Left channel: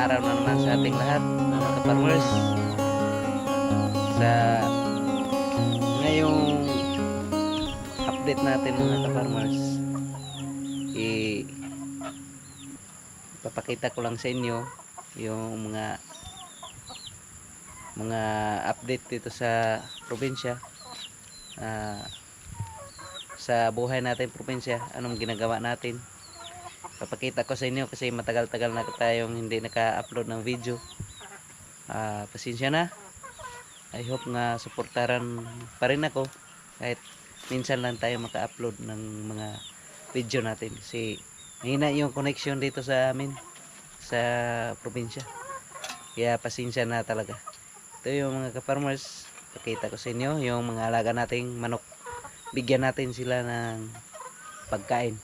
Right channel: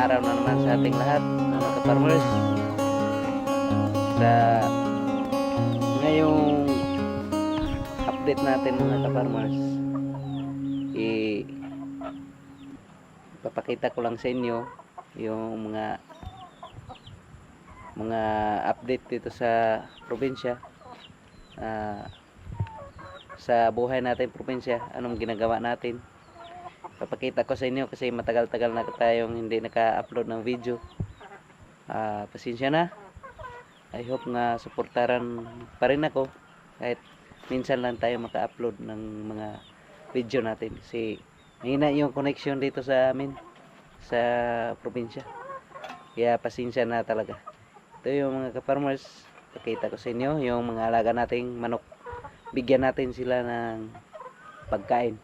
araw na naman sa ating lahat, mga ka-farmers. Sa ngayong update natin mga ka-farmers, i papakita ko lang sa inyo yung mga mga update dito sa probinsya. Ah, sa buhay natin probinsya, anong ginagawa natin papakita ko sa inyo kasi matagal-tagal na tayong hindi naka-upload ng video. Ah, pasensya na. I hope nga suportaran pa rin ako kahit minsan lang tayo maka-upload ng mga video natin. Kasi mahina yung connection dito sa amin sa probinsya. Kaya pasensya na talaga. Ito yung mga ka-farmers. Pakita ko sa inyo yung mga alaga nating manok. Bigyan natin sila ng pagkain.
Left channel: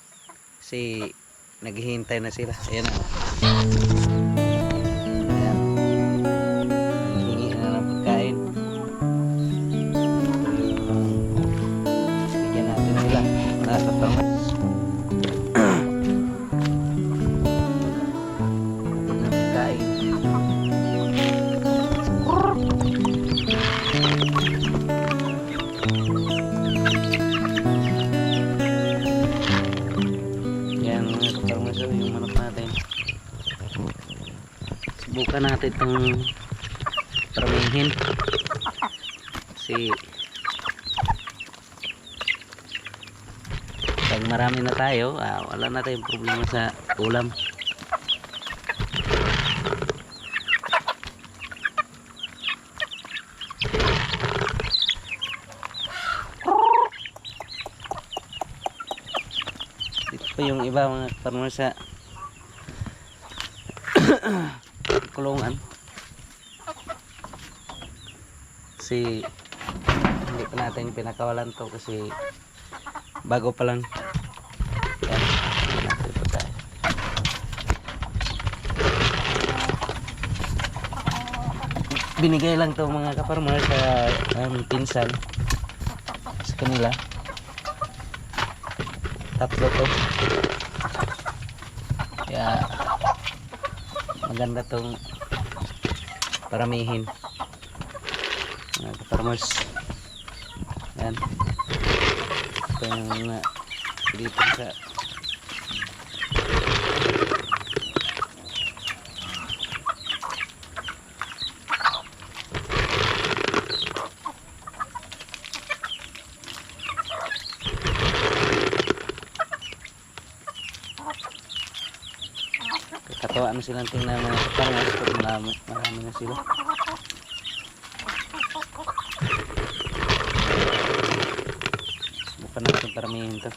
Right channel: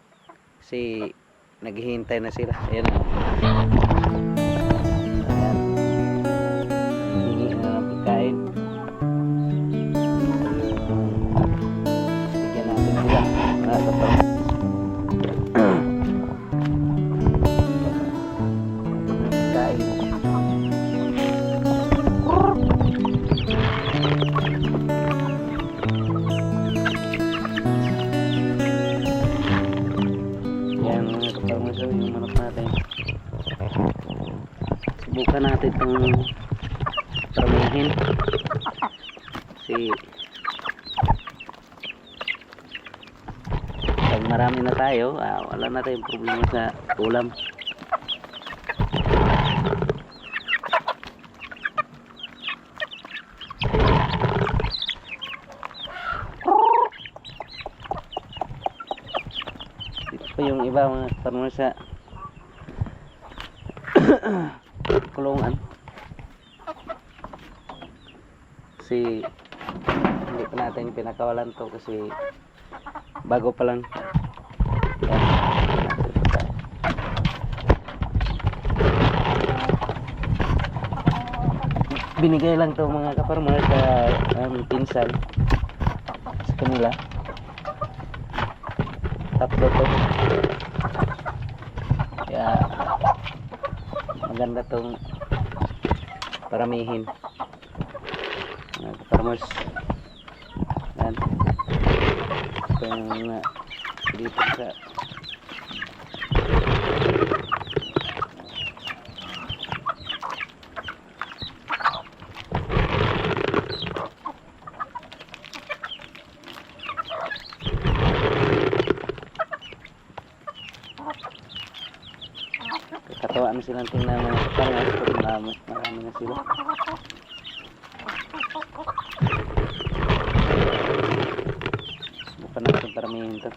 Kasi naghihintay na sila. Ayan Subukan natin itong paramihin. Kasi pag marami na tayo, ah, wala na tayong problema sa ulam. Dito pa yung iba mga kaparmas sa kulungan. Kasi hindi pa natin pinakawalan to kasi bago pa lang. Binigay lang to mga kaparmas sa um, pinsan sa kanila. Tatlo to. Kaya maganda tong paramihin. Mga farmers. Yan. Ito yung mga dito sa katawa na silang tingnan mga farmers pag marami, marami na sila. Subukan natin paramihin to.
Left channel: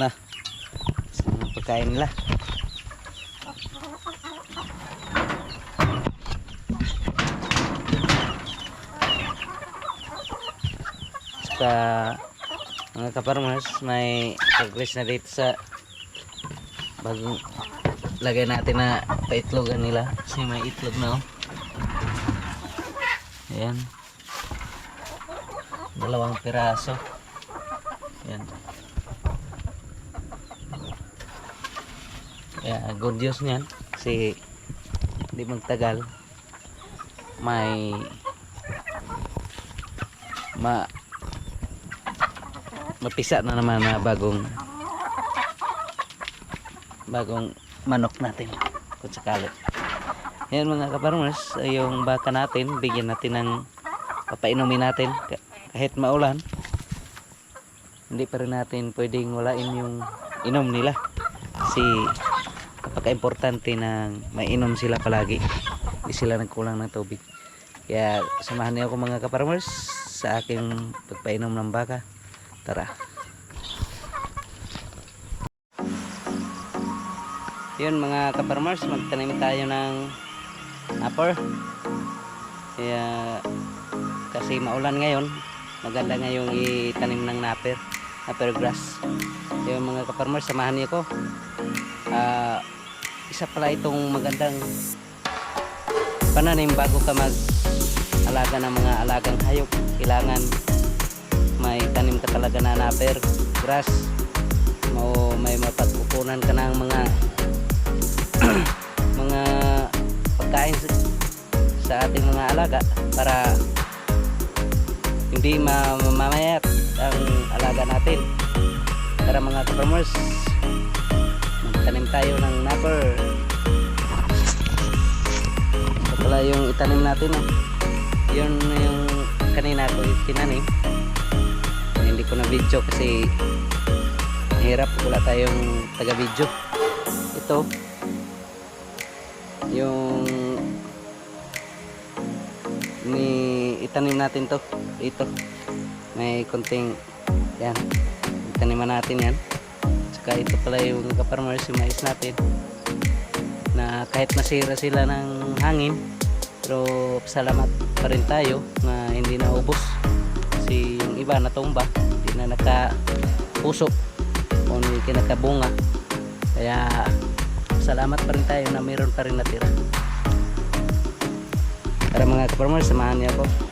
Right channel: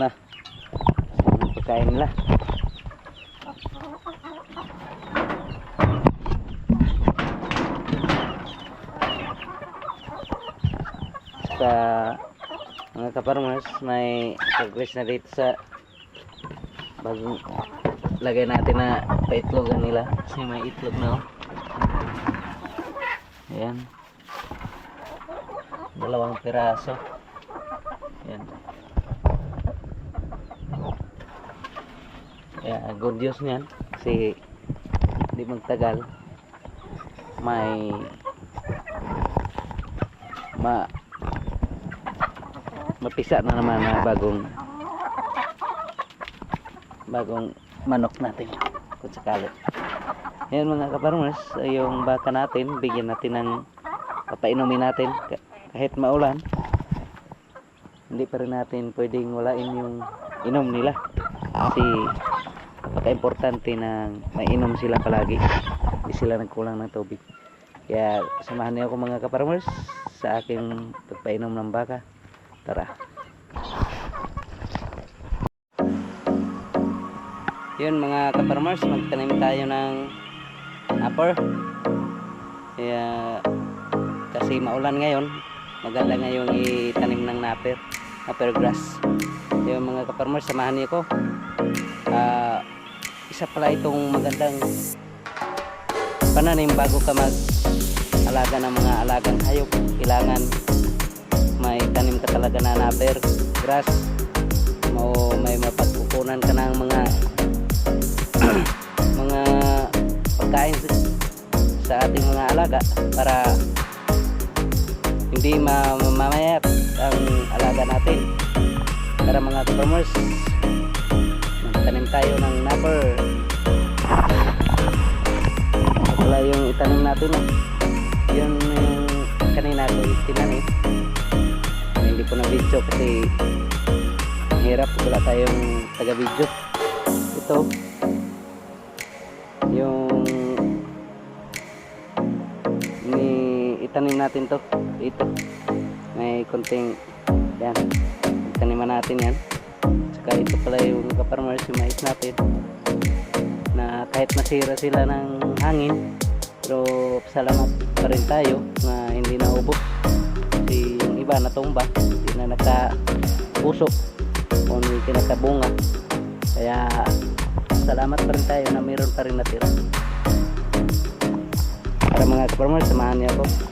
Na. Yung pagkain nila? Sa mga kaparmas, may progress na dito sa bagong lagay natin na paitlogan nila. Kasi may itlog na oh. Ayan. Dalawang piraso. Ayan. Kaya good news niyan kasi di magtagal. May ma mapisa na naman na bagong bagong manok natin kung sakali. Yan mga kaparmers yung baka natin bigyan natin ng papainumin natin Ka- kahit maulan hindi pa rin natin pwedeng walain yung inom nila. Kasi napaka-importante na mainom sila palagi. Hindi sila nagkulang ng tubig. Kaya samahan niyo ako mga kaparmers sa aking pagpainom ng baka. Tara. Yun mga kaparmers magtanim tayo ng upper kaya kasi maulan ngayon maganda ngayong itanim ng napper napper grass. Yung mga kaparmers samahan niyo ko Ah, isa pala itong magandang pananim bago ka mag alaga ng mga alagang hayop. Kailangan may tanim ka talaga na naper grass mo may mapagkukunan ka ng mga mga pagkain sa- ating mga alaga para hindi ma- mamayat ang alaga natin. Tara mga farmers magtanim tayo ng ito pala yung itanim natin eh. yun yung kanina ko tinanim hindi ko na video kasi hirap. Wala tayong taga video ito. Yung ni itanim natin to. Ito. May konting yan. Taniman natin yan saka ito pala yung kaparmers yung mais natin na kahit masira sila ng hangin pero salamat pa rin tayo na hindi naubos. Kasi yung iba natumba hindi na nakapuso o hindi kinakabunga kaya salamat pa rin tayo na mayroon pa rin natira. Para mga farmers samahan niyo ako